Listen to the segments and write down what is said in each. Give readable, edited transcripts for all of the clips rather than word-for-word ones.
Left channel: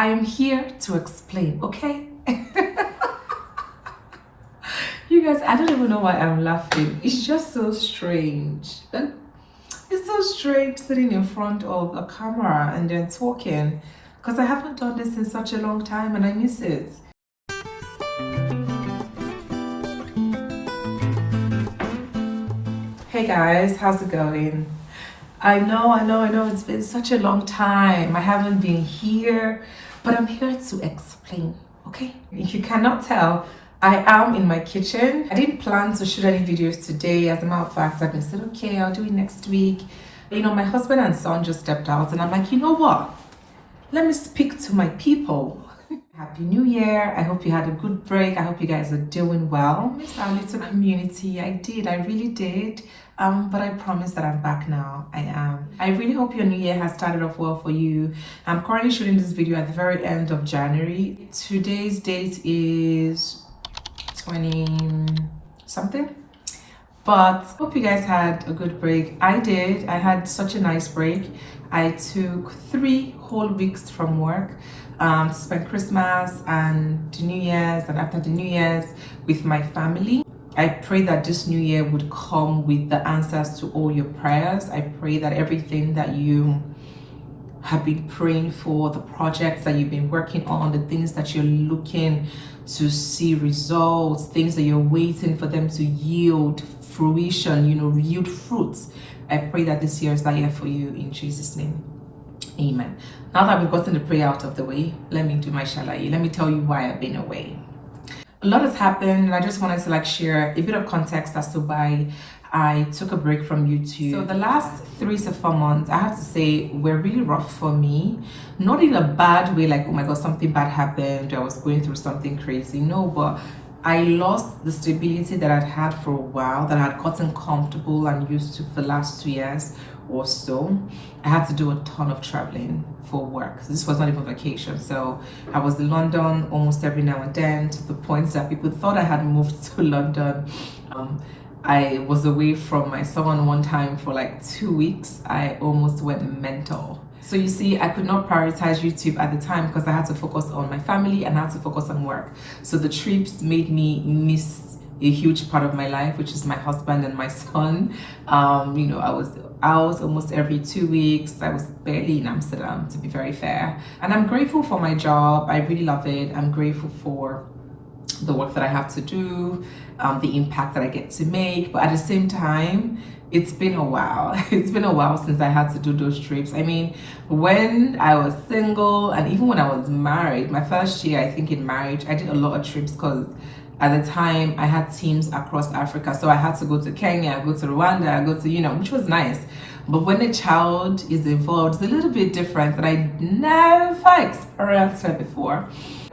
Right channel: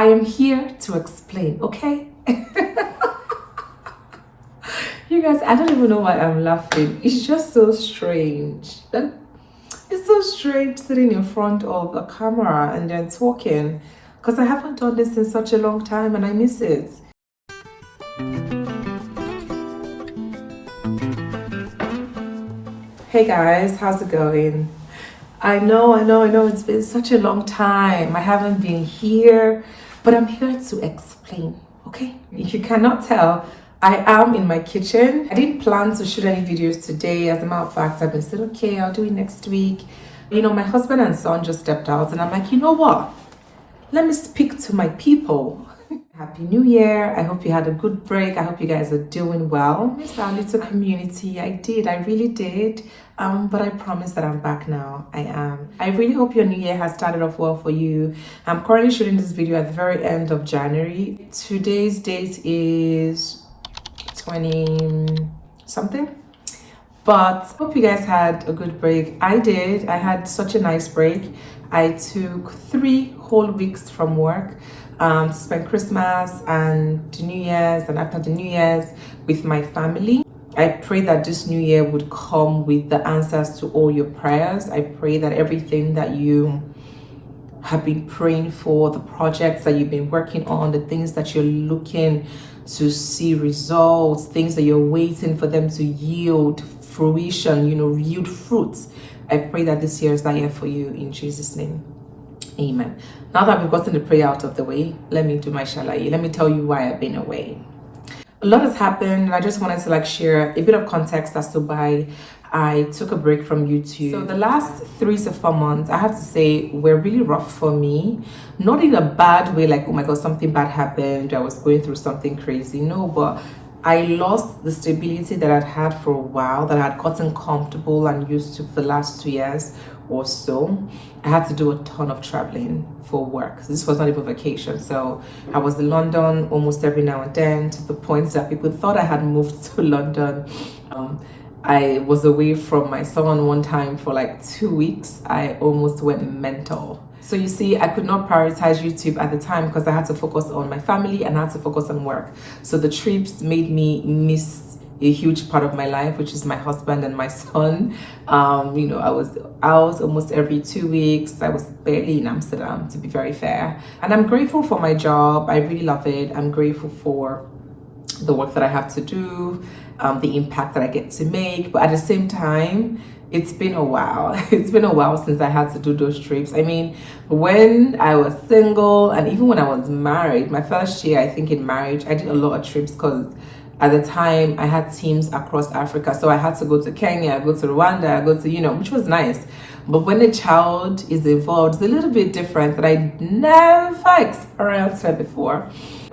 I am here to explain, okay? You guys, I don't even know why I'm laughing. It's just so strange. It's so strange sitting in front of a camera and then talking, because I haven't done this in such a long time and I miss it. Hey guys, how's it going? I know, it's been such a long time. I haven't been here, but I'm here to explain, okay? If you cannot tell, I am in my kitchen. I didn't plan to shoot any videos today. As a matter of fact, I've been said, okay, I'll do it next week. You know, my husband and son just stepped out and I'm like, you know what? Let me speak to my people. Happy New Year. I hope you had a good break. I hope you guys are doing well. Missed our little community. I really did. But I promise that I'm back now. I am. I really hope your new year has started off well for you. I'm currently shooting this video at the very end of January. Today's date is 20 something. But hope you guys had a good break. I did. I had such a nice break. I took 3 whole weeks from work to spend Christmas and the New Year's, and after the New Year's with my family. I pray that this new year would come with the answers to all your prayers. I pray that everything that you have been praying for, the projects that you've been working on, the things that you're looking to see results, things that you're waiting for them to yield fruition, yield fruits. I pray that this year is that year for you in Jesus' name. Amen. Now that we've gotten the prayer out of the way, let me do my shalaye. Let me tell you why I've been away. A lot has happened, and I just wanted to share a bit of context as to why I took a break from YouTube. So the last 3 to 4 months, I have to say, were really rough for me. Not in a bad way, like, oh my God, something bad happened, I was going through something crazy. No, but I lost the stability that I'd had for a while, that I had gotten comfortable and used to for the last 2 years or so. I had to do a ton of traveling for work. This was not even vacation. So I was in London almost every now and then, to the point that people thought I had moved to London. I was away from my son one time for 2 weeks. I almost went mental. So you see, I could not prioritize YouTube at the time because I had to focus on my family and I had to focus on work. So the trips made me miss a huge part of my life, which is my husband and my son. I was out almost every 2 weeks. I was barely in Amsterdam, to be very fair. And I'm grateful for my job. I really love it. I'm grateful for the work that I have to do, the impact that I get to make. But at the same time, it's been a while. It's been a while since I had to do those trips. I mean, when I was single and even when I was married, my first year, I think in marriage, I did a lot of trips because at the time I had teams across Africa. So I had to go to Kenya, go to Rwanda, go to, which was nice. But when a child is involved, it's a little bit different that I never experienced it before.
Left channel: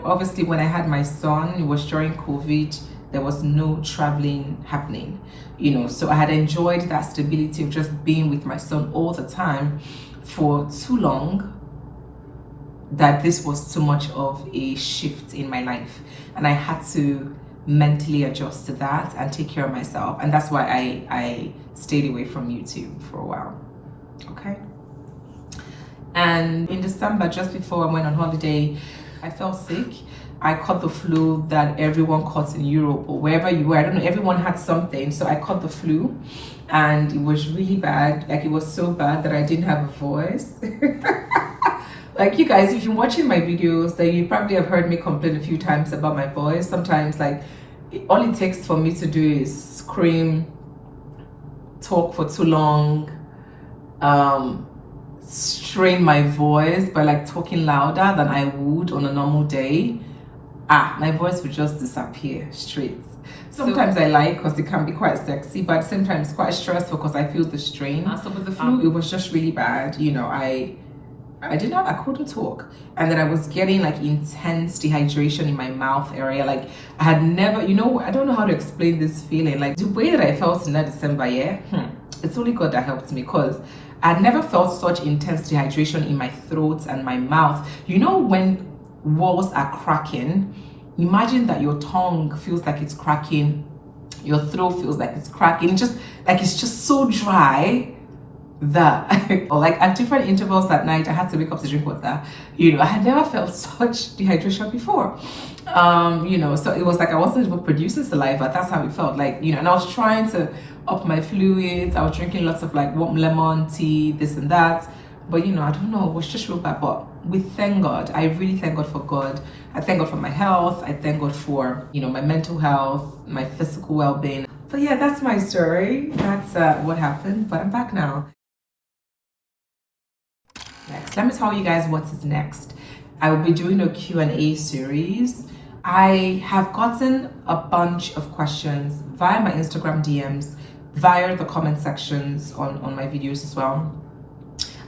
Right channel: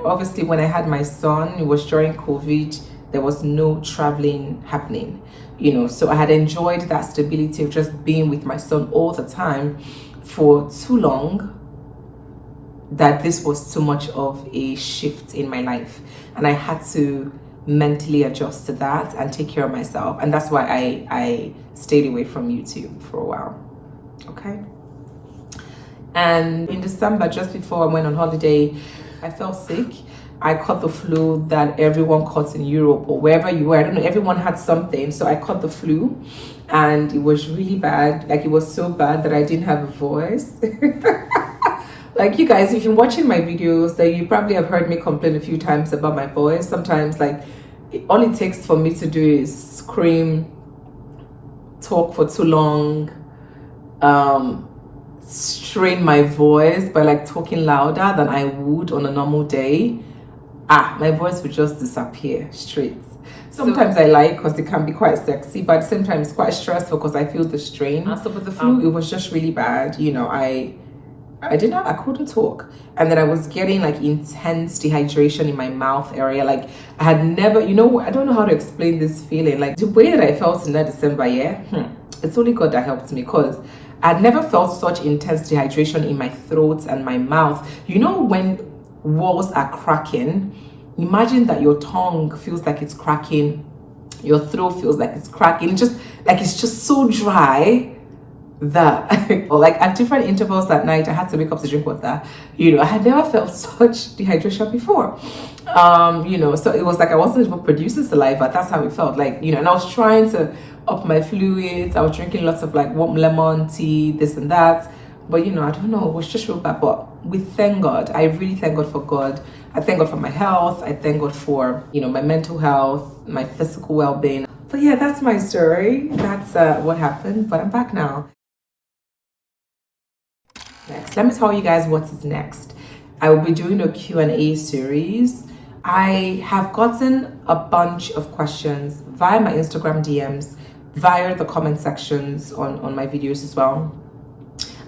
Obviously, when I had my son, it was during COVID. There was no traveling happening, so I had enjoyed that stability of just being with my son all the time for too long, that this was too much of a shift in my life. And I had to mentally adjust to that and take care of myself. And that's why I stayed away from YouTube for a while, okay? And in December, just before I went on holiday, I felt sick. I caught the flu that everyone caught in Europe or wherever you were. I don't know, everyone had something. So I caught the flu and it was really bad. It was so bad that I didn't have a voice. You guys, if you're watching my videos, that you probably have heard me complain a few times about my voice. Sometimes all it takes for me to do is scream, talk for too long, strain my voice by talking louder than I would on a normal day. My voice would just disappear straight. Sometimes I like because it can be quite sexy, but at the same time it's quite stressful because I feel the strain. So with the flu, it was just really bad. I couldn't talk. And then I was getting intense dehydration in my mouth area. I had never, I don't know how to explain this feeling. The way that I felt in that December, it's only God that helped me, because I'd never felt such intense dehydration in my throat and my mouth. When walls are cracking, imagine that your tongue feels like it's cracking, your throat feels like it's cracking, it's just so dry that or like at different intervals that night I had to wake up to drink water. You know, I had never felt such dehydration before. You know, so it was like I wasn't even producing saliva. That's how it felt like, you know, and I was trying to up my fluids. I was drinking lots of like warm lemon tea, this and that. But you know, I don't know, it was just real bad. But we thank God. I really thank God for God. I thank God for my health. I thank God for, you know, my mental health, my physical well-being. But yeah, that's my story. That's what happened. But I'm back now. Next, let me tell you guys what is next. I will be doing a Q&A series. I have gotten a bunch of questions via my Instagram DMs, via the comment sections on my videos as well.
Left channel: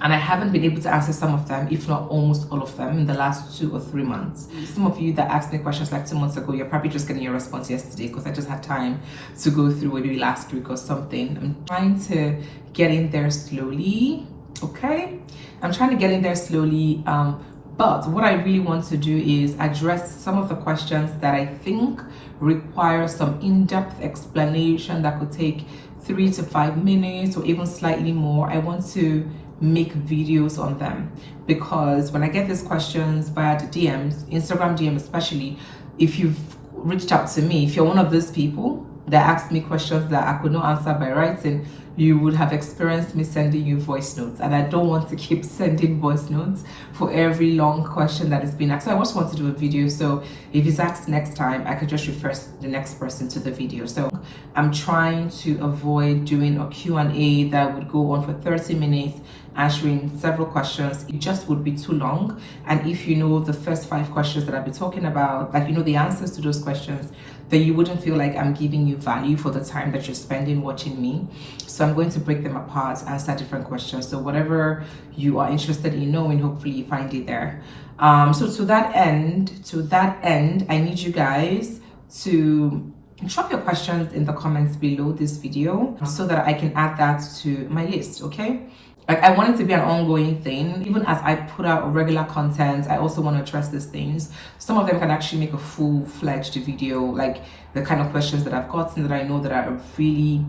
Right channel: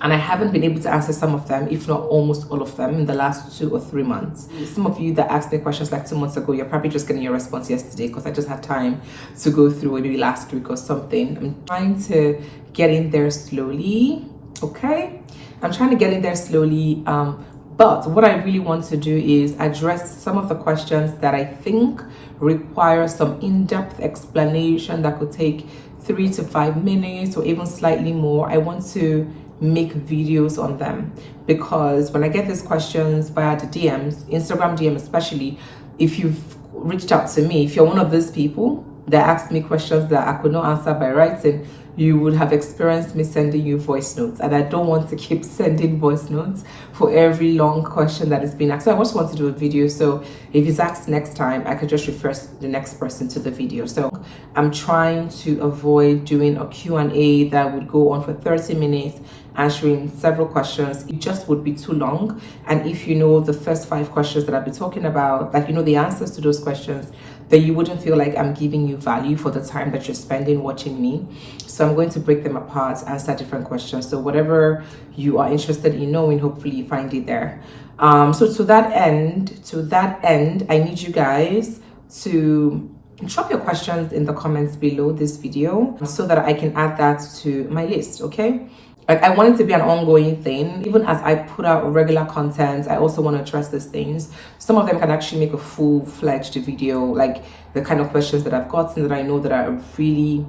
And I haven't been able to answer some of them, if not almost all of them, in the last 2 or 3 months. Some of you that asked me questions like 2 months ago, you're probably just getting your response yesterday because I just had time to go through it maybe last week or something. I'm trying to get in there slowly, okay? I'm trying to get in there slowly, but what I really want to do is address some of the questions that I think require some in-depth explanation that could take 3 to 5 minutes or even slightly more. I want to make videos on them because when I get these questions via the DMs, Instagram DM especially, if you've reached out to me, if you're one of those people that asked me questions that I could not answer by writing, you would have experienced me sending you voice notes, and I don't want to keep sending voice notes for every long question that is being asked. So I just want to do a video, so if it's asked next time, I could just refer the next person to the video. So I'm trying to avoid doing a Q&A that would go on for 30 minutes answering several questions. It just would be too long. And if you know the first 5 questions that I've been talking about, like you know the answers to those questions, then you wouldn't feel like I'm giving you value for the time that you're spending watching me. So I'm going to break them apart, answer different questions. So whatever you are interested in knowing, hopefully you find it there. So to that end, I need you guys to drop your questions in the comments below this video so that I can add that to my list, okay? Like I want it to be an ongoing thing. Even as I put out regular content, I also want to address these things. Some of them can actually make a full-fledged video, like the kind of questions that I've gotten that I know that are really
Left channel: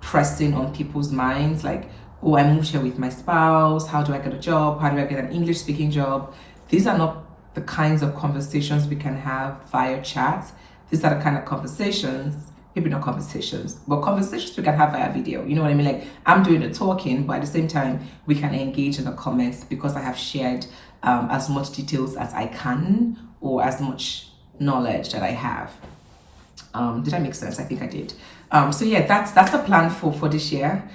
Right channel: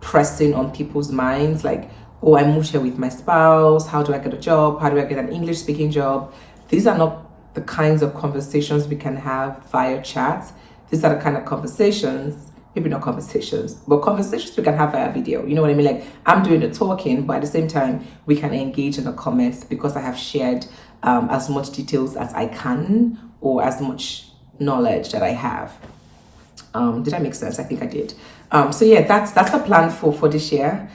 pressing on people's minds. Like, oh, I moved here with my spouse. How do I get a job? How do I get an English speaking job? These are not the kinds of conversations we can have via chat. These are the kind of conversations, maybe not conversations, but conversations we can have via video. You know what I mean? Like I'm doing the talking, but at the same time, we can engage in the comments because I have shared as much details as I can or as much knowledge that I have. Did I make sense? I think I did. So yeah, that's the plan for this year.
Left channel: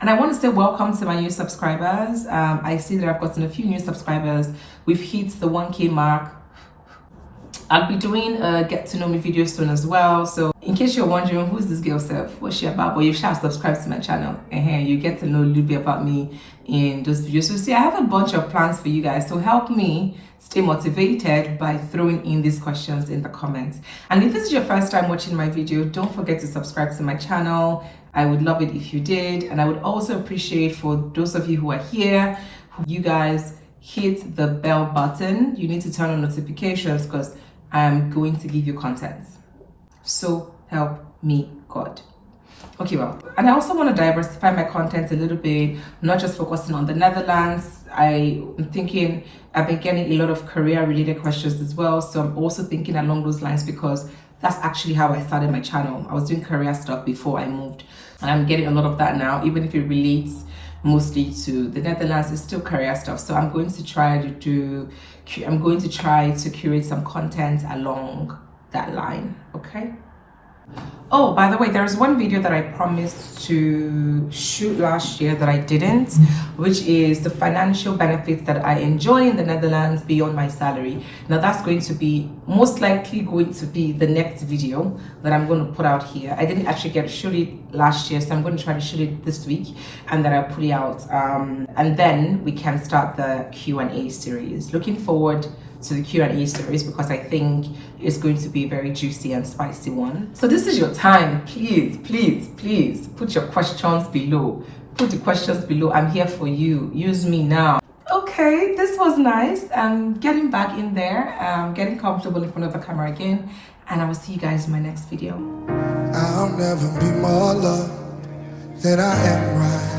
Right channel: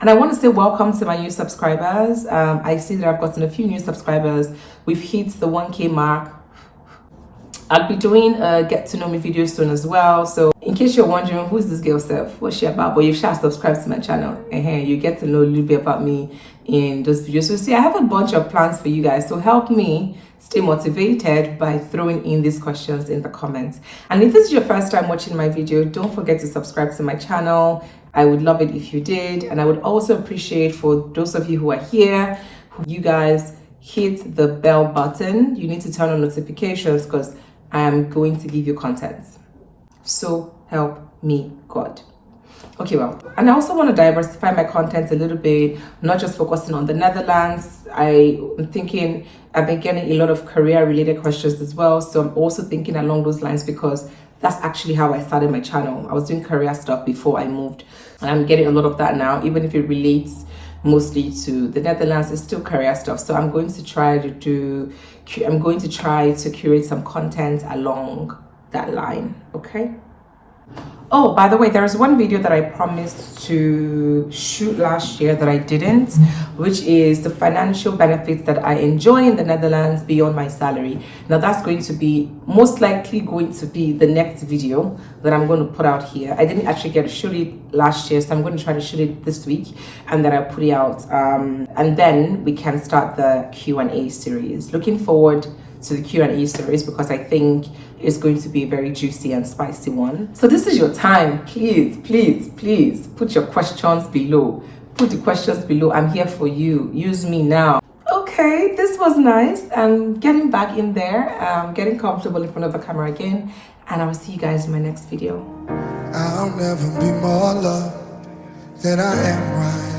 And I want to say welcome to my new subscribers. I see that I've gotten a few new subscribers. We've hit the 1K mark. I'll be doing a get to know me video soon as well. So in case you're wondering who's this girl self, what's she about, but you should subscribe to my channel and you get to know a little bit about me in those videos. So see, I have a bunch of plans for you guys to help me stay motivated by throwing in these questions in the comments. And if this is your first time watching my video, don't forget to subscribe to my channel. I would love it if you did. And I would also appreciate for those of you who are here, you guys hit the bell button. You need to turn on notifications because I'm going to give you content. So help me God. Okay, well, and I also want to diversify my content a little bit, not just focusing on the Netherlands. I'm thinking I've been getting a lot of career related questions as well. So I'm also thinking along those lines because that's actually how I started my channel. I was doing career stuff before I moved, and I'm getting a lot of that now, even if it relates mostly to the Netherlands, it's still career stuff. So I'm going to try to curate some content along that line, okay? Oh, by the way, there's one video that I promised to shoot last year that I didn't, which is the financial benefits that I enjoy in the Netherlands beyond my salary. Now that's going to be most likely going to be the next video that I'm going to put out here. I didn't actually get to shoot it last year, so I'm going to try to shoot it this week and then I'll put it out. And then we can start the Q&A series. Looking forward to the Q&A series because I think it's going to be a very juicy and spicy one. So this is your time. Please put your questions below. Put the questions below. I'm here for you. Use me now. Okay, this was nice. I'm getting back in there. I'm getting comfortable in front of the camera again. And I will see you guys in my next video. I'll never be more loved than I am right